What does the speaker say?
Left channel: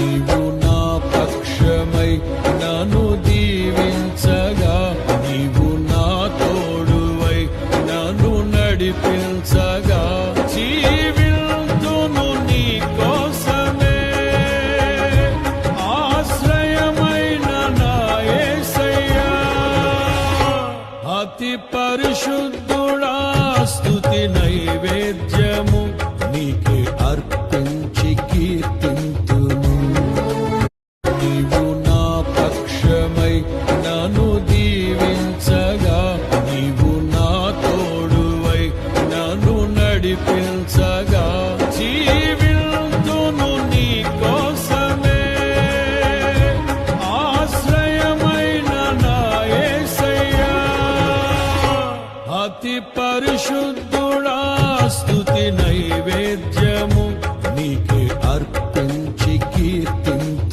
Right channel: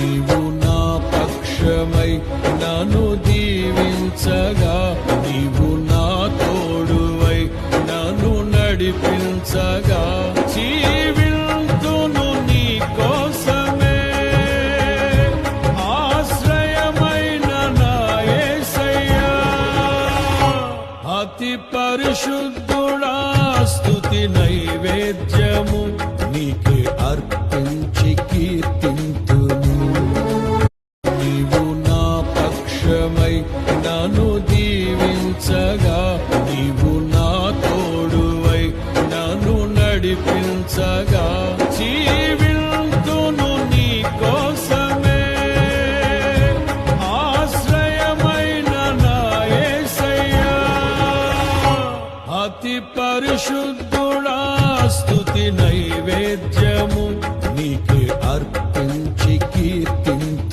నీవు నా పక్షమై నన్ను దీవించగా, నీవు నా తోడువై నన్ను నడిపించగా, జీవింతును నీ కోసమే ఆశ్రయమైన నా యేసయ్యా. అతి పరిశుద్ధుడా స్తుతి నైవేద్యము నీకే అర్పించి కీర్తింతుము. నీవు నా పక్షమై నన్ను దీవించగా, నీవు నా తోడువై నన్ను నడిపించగా, జీవింతును నీ కోసమే ఆశ్రయమైన నా యేసయ్యా. అతి పరిశుద్ధుడా స్తుతి నైవేద్యము నీకే అర్పించి కీర్తింతు.